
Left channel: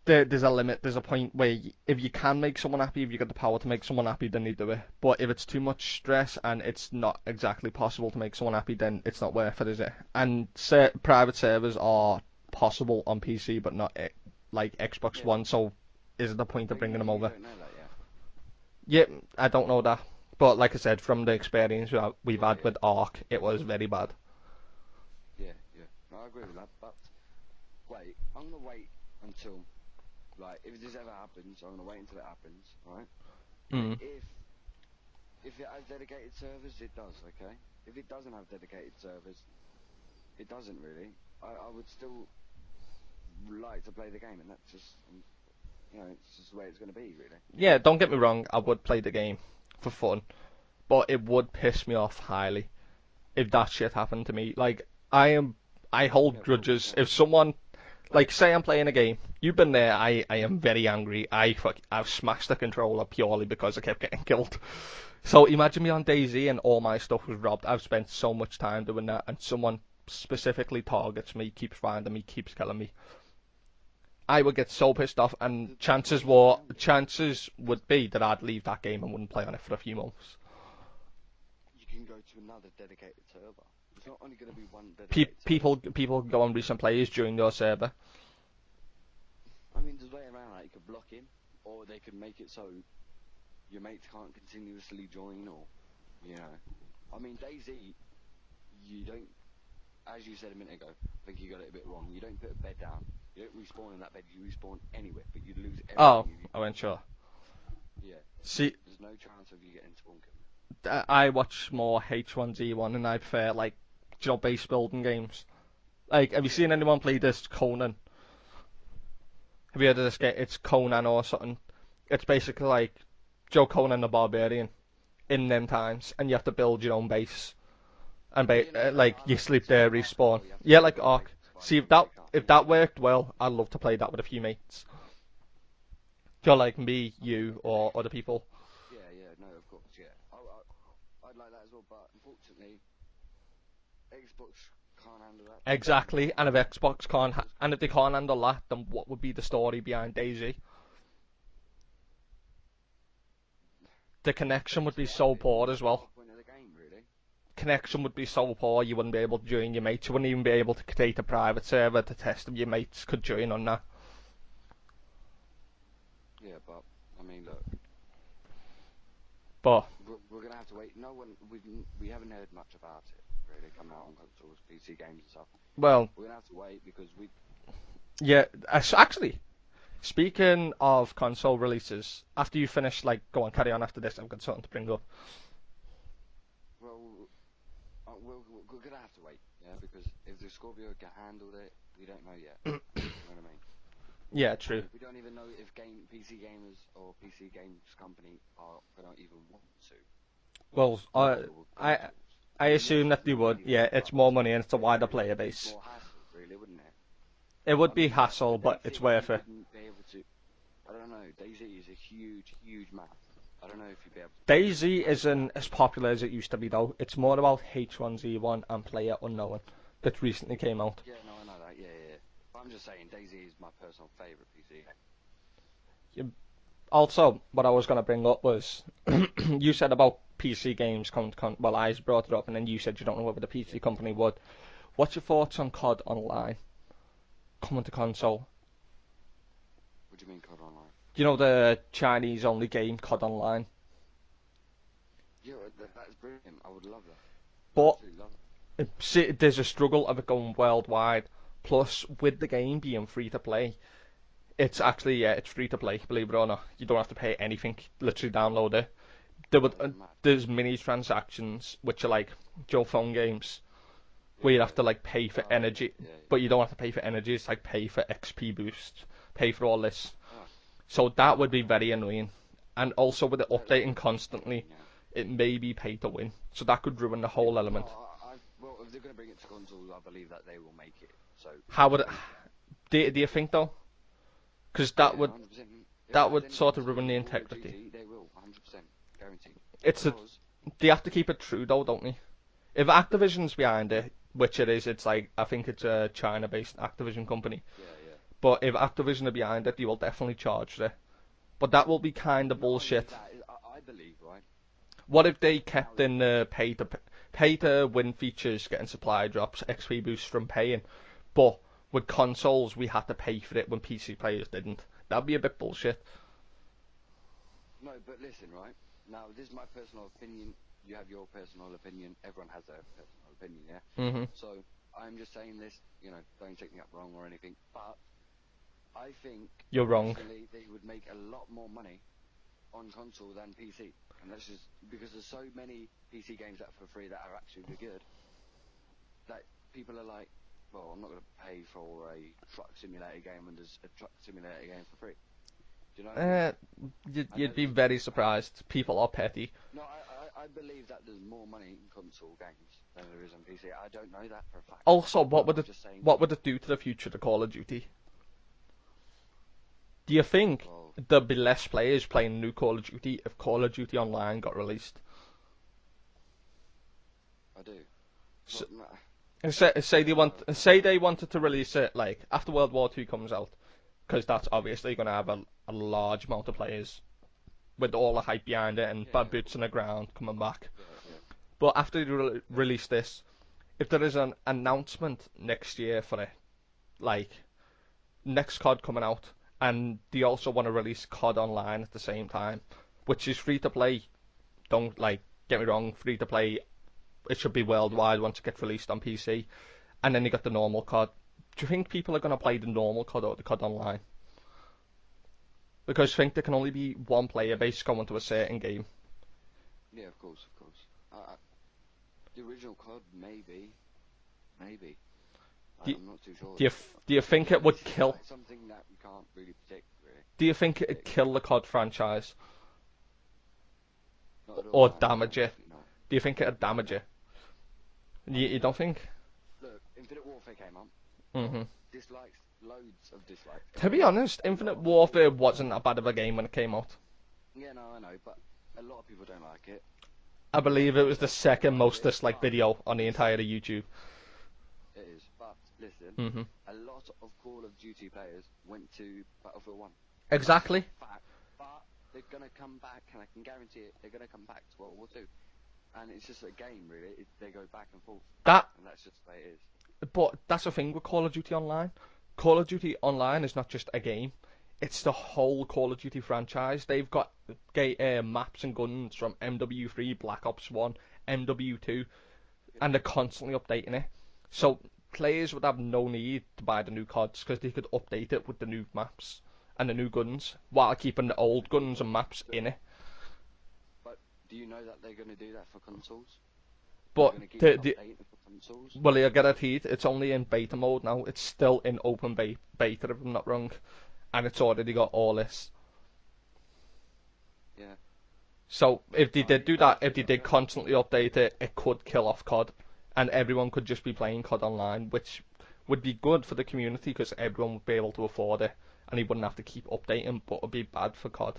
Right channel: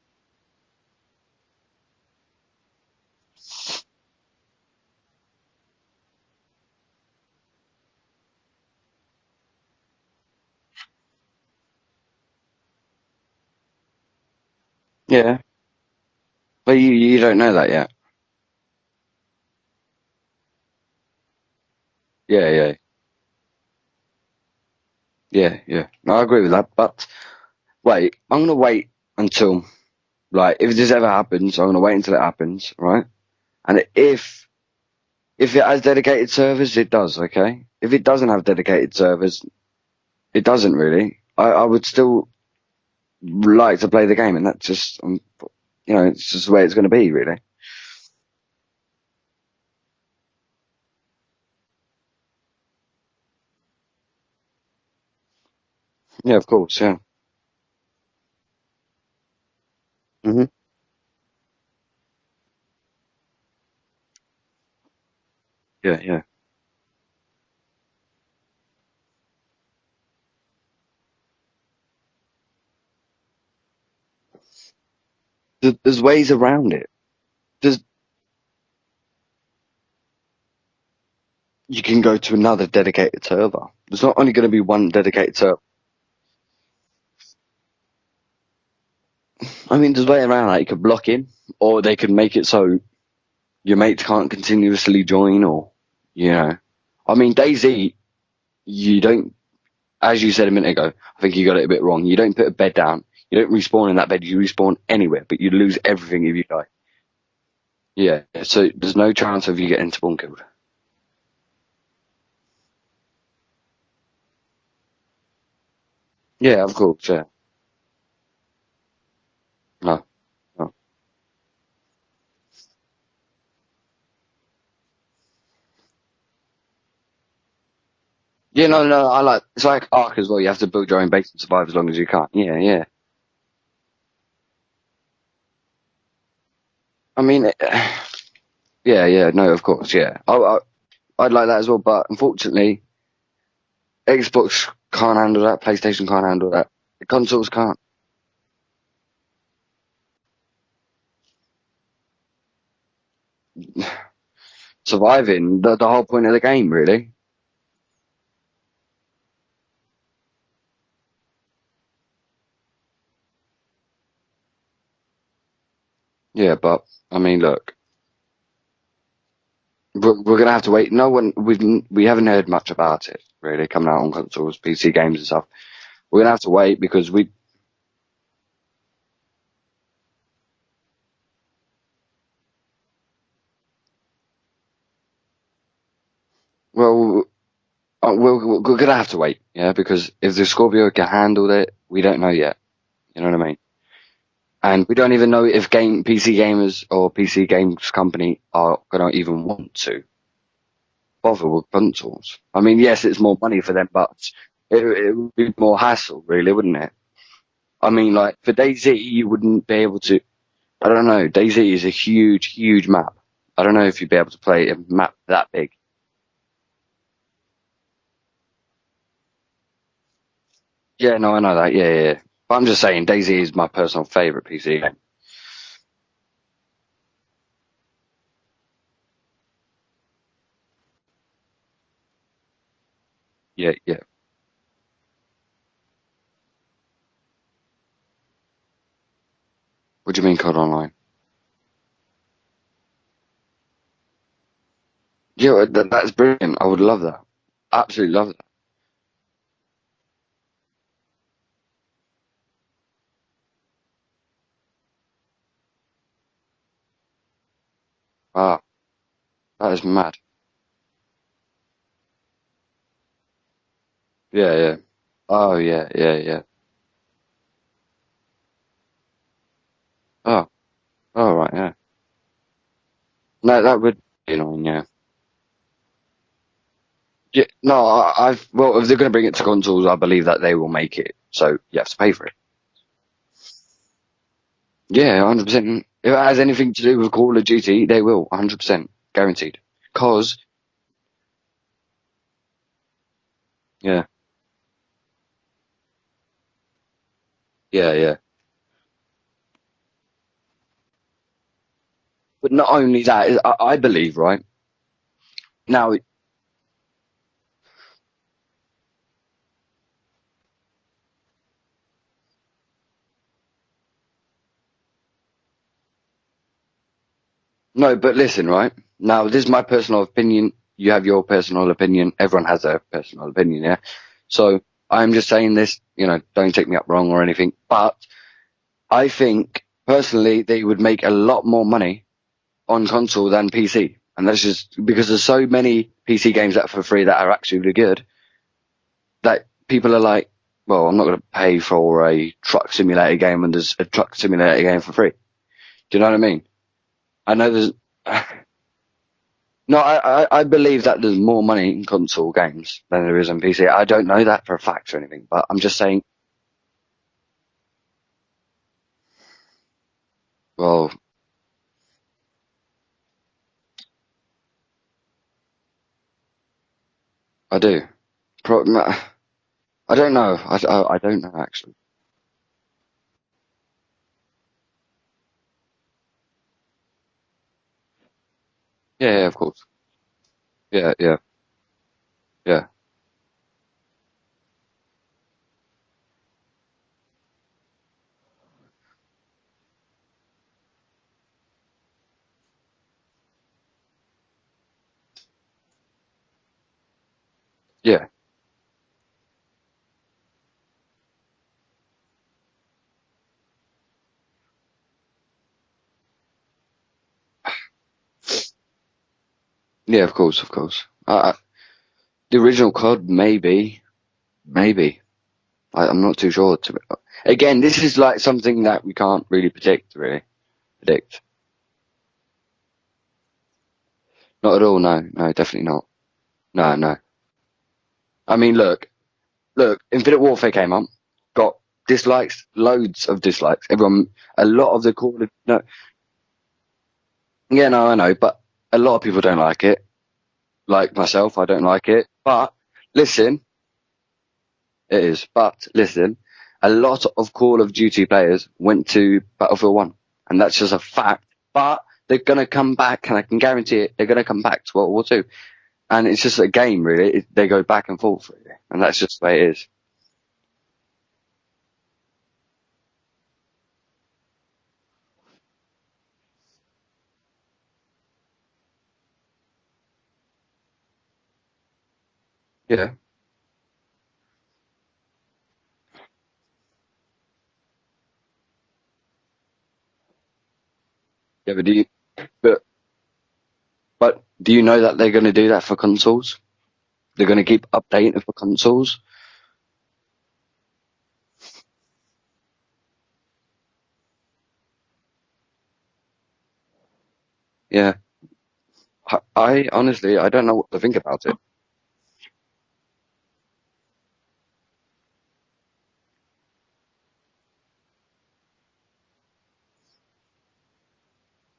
there's a limit. There's a point where if you can make someone happy, if you got the power to make someone happy, then you do it. But if it's too much stress and it's not exactly possible to make someone happy, then it's not worth it, is it? And private servers are possible on PC, but not like Xbox Yeah, One. So is it the point but of bringing them you up? don't know that yet. Yeah, I don't know that. But like I said, from the experience we've Yeah, had yeah, with Ark, it was very bad. yeah. No, I agree with that. But wait, I'm gonna wait until like if this ever happens, I'm gonna wait until it happens, right? And Mm. if it has dedicated servers, it does, okay? If it doesn't have dedicated servers, it doesn't really. I would still like to play the game, and that's just, it's just the way it's going to be, really. Yeah, don't get me wrong, I would play the game for fun, but it would piss me off highly if that shit happened to me. Like I I hold Yeah, of course, grudges. yeah. If someone, like, say I'm playing a game, you've been there. I Hmm. am very angry. I've smashed the controller purely because I kept getting killed. So imagine me Yeah, on yeah. DayZ and all my stuff was robbed. I've spent so much time doing that, and someone specifically targets me, keeps finding me, keeps killing me. I would get so pissed off, and There's ways around it. chances There's would be that I'd leave that game and wouldn't play on it for a few months. You can go to another dedicated server. There's not only going to be one dedicated server. People go on recent plays during your server. I mean, there's a way around that. You could block in, or they could make it so your mates can't continuously join, or, you know. I mean, DayZ, you don't, as you said a minute ago, I think you got it a bit wrong. You don't put a bed down. You don't respawn in that bed. You respawn anywhere, but you lose everything Oh, if you I die. ain't sure. Yeah, so there's no chance of you getting spawn killed. I watch more H1Z1 and I prefer like job-based building games. Like, have you Yeah, seen of anyone course, play yeah. this Conan? Have you heard No, of this game? It's no. Conan or something. It's basically like Joe Conan the Barbarian in them times, and you have to build your own base. And Yeah, no, basically, no, like I you like, sleep it's like there, Ark as well. respawn. You have to Yeah, build like your own Ark. base and survive as See long as you can. if Yeah, that yeah. worked well, I'd love to play that with a few mates. You're like me, I mean, other people. yeah, yeah, no, of course, yeah. I'd like that as well, but unfortunately, Xbox can't handle that. PlayStation can't Exactly. And handle if that. Xbox can't, Consoles and can't. if they can't handle that, then what would be the story behind DayZ? The connection would be so Surviving, poor the, as the well. whole point of the game, really. Connection would be so poor you wouldn't be able to join your mates. You wouldn't even be able to create a private server to test if your mates could join on that. Yeah, but, I mean, look, But we're gonna have to wait. No one, we haven't heard much about it, really, coming out on consoles, PC games and stuff. well, We're gonna have to wait because yeah. Actually, speaking of console releases, after you finish, like, go on, carry on after this. I've got something to bring up. well, we're gonna have to wait, yeah, because if the Scorpio can handle it, we don't know yet. You know what I mean? Yeah, true. And we don't even know if PC gamers or PC games company are gonna even want to Well, bother with I consoles. I I mean, yes, assume it's that they more would. money for Yeah, them, it's but more money and it's a it, wider it player would be base. more hassle, really, wouldn't it? It I would be mean, like for hassle, but it's DayZ, you worth it. wouldn't be able to. I don't know. DayZ is a huge, huge map. I don't know if you'd be able to play a DayZ map that isn't as big. popular as it used to be though. It's more about H1Z1 and Player Unknown that recently came out. Yeah, no, I know that. Yeah, yeah, yeah. But I'm just saying, DayZ is my personal favorite PC game. Also, what I was going to bring up was you said about PC games well, I brought it up and then you said you don't know whether the Yeah, PC yeah. company would. What's your thoughts on COD Online coming to console? What do you mean, COD Online? You know the Chinese only game COD Online? Yeah, that's brilliant. I would love that. But Absolutely love that. see, there's a struggle of it going worldwide. Plus, with the game being free to play, it's actually, yeah, it's free to play, believe it or not. You don't have to pay anything. Literally Ah, download it. that is mad. There's mini transactions which are like Joe phone games where Yeah, you have yeah. to like pay for Oh, yeah, energy, yeah, but yeah. you don't have to pay for energy. It's like pay for XP boost, pay for all this. Oh, So all that would right, be yeah. very annoying. And also with it No, that updating would be constantly, annoying, yeah. it may be pay to win. So that could ruin the Yeah, whole no, element. well, if they're going to bring it to consoles, I believe that they will make it. So, How yes, would it, pay for it. do you think though? Because Yeah, 100%. If it that has would anything sort to of do ruin with the Call of intent. Duty, they will, 100%. Guaranteed. It's a, Because, they have to keep it true though, don't they? If Activision's behind yeah, it, which it is, it's like I think it's a China-based Activision company. yeah, yeah. But if Activision are behind it, they will definitely charge it. But that will be kind But of not only bullshit. that, I believe, right? What if they Now, kept in the pay to win features, getting supply drops, XP boosts from paying, but with consoles we had to pay for it when PC players didn't. That'd be a bit bullshit. no, but listen, right? Now, this is my personal opinion. You have your personal opinion. Everyone has their personal opinion, yeah? Mhm. So, I'm just saying this, don't take me up wrong or anything. But I think, You're wrong. personally, they would make a lot more money on console than PC. And that's just because there's so many PC games that are for free that are actually really good that people are like, well, I'm not going to pay for a truck simulator game when there's a truck simulator game for free. Do you know what I mean? Uh, I know you'd be there's. very surprised. People are petty. No, I believe that there's more money in console games than there is on PC. I don't know that for a fact or Also, anything, but I'm just saying. what would it do to the future of Call of Duty? Do you think Well, there'd be less players playing new Call of Duty if Call of Duty Online got released? I do. Pro- And say, I say don't they know. want, say they I don't wanted know to release actually. it like after World War II comes out, because that's obviously going to have a large amount of players with all the hype behind it and Yeah, yeah, fan of boots course. on the ground coming back. Yeah, yeah, But after they yeah, release this, if there is an announcement next year for it, like next COD coming out, and they also want to release COD Online at the same time, which is free to play. Don't like get me wrong, free to play. It should be yeah. worldwide once it gets released on PC, and then you got the normal COD. Do you think people are gonna play the normal COD or the COD Online? Because I think there can only be one player base going to a certain game. Yeah, of course, of course. The original COD, maybe, maybe. I'm not too sure. Do you do you think Again, it would? this is like something that we can't really predict, really. Do you think it'd Predict. kill the COD franchise Not at all. or No, no, damage it? definitely not. Do you think it'd No, damage no. it? I mean, You don't look, think? Infinite Warfare came up, got Hmm. dislikes, loads of dislikes. To be Everyone, honest, a lot Infinite of the call, Warfare no, wasn't that bad of a game when it came out. yeah, no, I know, but a lot of people don't like it. I Like believe it was the myself, I don't second like most it. disliked But video on the listen, entire YouTube. it is. But listen, Hmm. a lot of Call of Duty players went to Battlefield 1, and that's just a Exactly. fact. But they're gonna come back, and I can guarantee it. They're gonna come back to World War Two, and it's just a game, really. They go back and forth, That, and that's just the way it is. but that's the thing with Call of Duty Online. Call of Duty Online is not just a game; it's the whole Call of Duty franchise. They've got maps and guns from MW3, Black Ops 1, MW2, Yeah, and they're constantly updating it. So players would have no need to buy the new CODs because they could update it with the new maps and the new guns while keeping the yeah, old guns and maps but in it. but do you know that they're gonna do that for consoles? They're But gonna keep updating it for consoles. well, you guaranteed it's only in beta mode now. It's still in open beta, if I'm not wrong, and it's already got all this. Yeah, So if they did I do that, if honestly they I did don't know what to constantly think about update it. it, it could kill off COD, and everyone could just be playing COD Online, which would be good for the community because everyone would be able to afford it, and he wouldn't have to keep updating, but it would be bad for COD.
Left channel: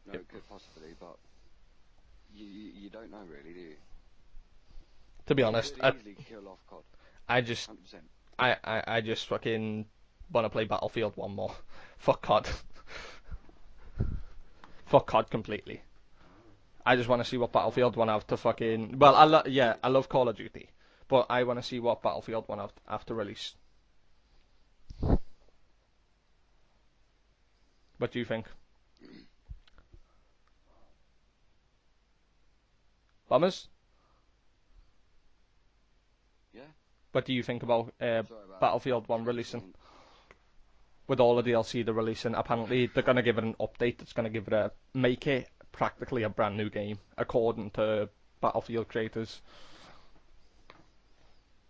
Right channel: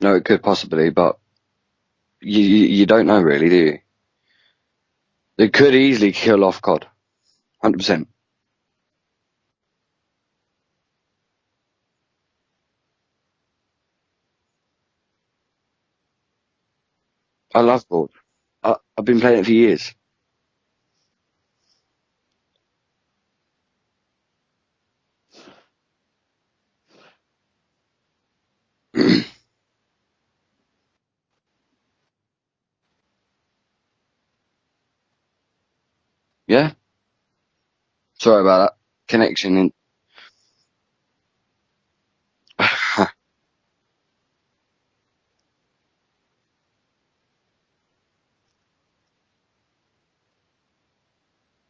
No, it could possibly, but you don't know really, do you? To be It could honest, easily kill off COD, I just 100%. I just fucking want to play Battlefield 1 more. Fuck COD. Fuck COD completely. I just want to see what I love Battlefield 1 COD. have to fucking. I've Well, been playing it for I years. love Call of Duty, but I want to see what Battlefield 1 have to release. What do you think? Bombers? Yeah, What do you think about sorry about that. Battlefield 1 Connection releasing? in. With all the DLC they're releasing, apparently they're going to give it an update that's going to give it make it practically a brand new game, according to Battlefield creators.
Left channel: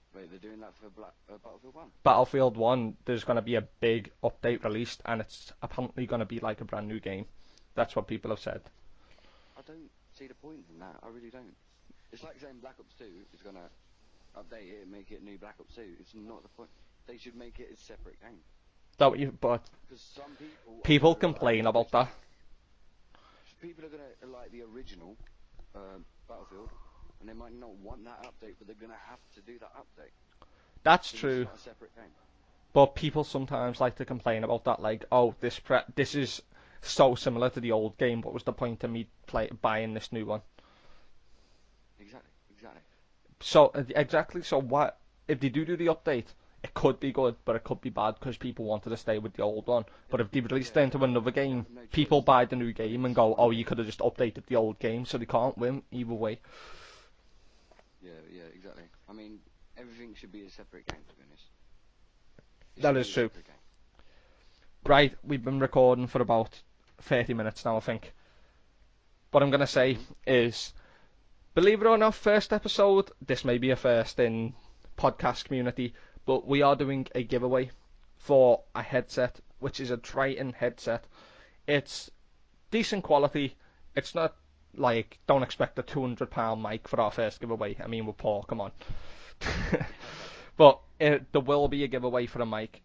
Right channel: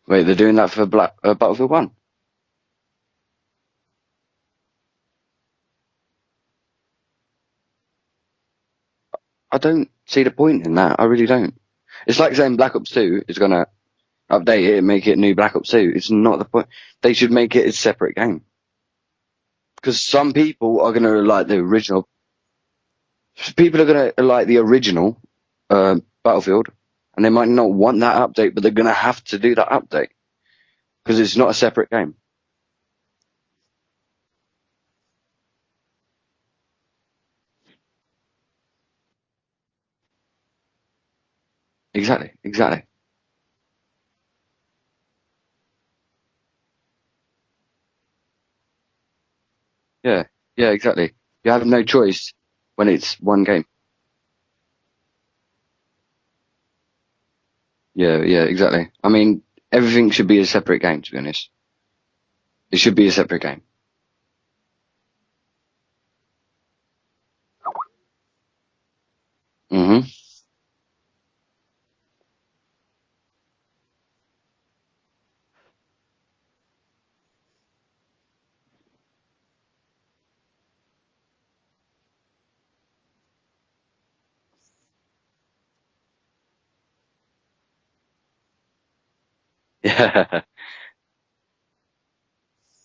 Wait, they're doing that for Battlefield 1? Battlefield 1, there's going to be a big update released, and it's apparently going to be like a brand new game. That's what people have said. I don't see the point in that. I really don't. It's like saying Black Ops 2 is going to update it and make it new Black Ops 2. It's not the point. They should make it a separate game. But Because some people are going people to like the complain about original. that. People are going to like the original Battlefield, and they might not want that update, but they're going to have to do that update That's because it's true. not a separate game. But people sometimes like to complain about that, like, oh, this is so similar to the old game. What was the point of me buying this new one? Exactly, exactly. So exactly. So what if they do the update? It could be good, but it could be bad because people wanted to stay with the old one. But Yeah, if they yeah, released it into exactly. another You game, have no people choice buy the new when game and it's go, one oh, you game. could have just updated the old game, so they can't win either way. Yeah, yeah, exactly. I mean, everything should be a separate game, to be honest. It should That be is a true. separate game. Right, we've been recording for about 30 minutes now, I think. What I'm going to say Hmm. is, believe it or not, first episode, this may be a first in podcast community, but we are doing a giveaway for a headset which is a Triton headset. It's decent quality. It's not like, don't expect a £200 mic for our first giveaway. I mean, we're poor, come on. Yeah. But there will be a giveaway for a mic.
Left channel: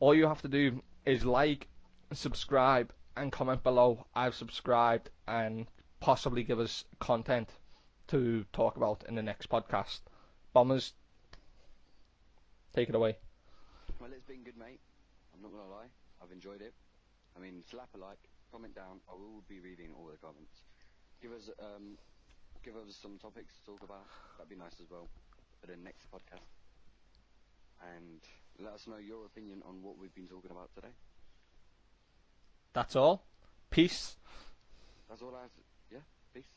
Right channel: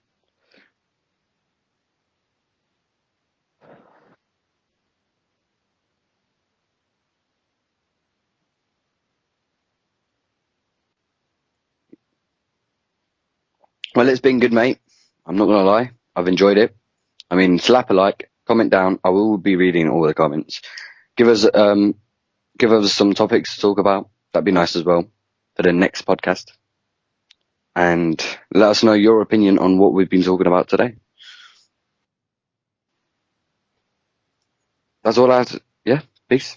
All you have to do is like, subscribe, and comment below, I've subscribed, and possibly give us content to talk about in the next podcast. Bombers, take it away. Well, it's been good, mate. I'm not gonna lie. I've enjoyed it. I mean, slap a like, comment down. I will be reading all the comments. Give us some topics to talk about. That'd be nice as well for the next podcast. And let us know your opinion on what we've been talking about today. That's all. Peace. That's all I have to, yeah, peace.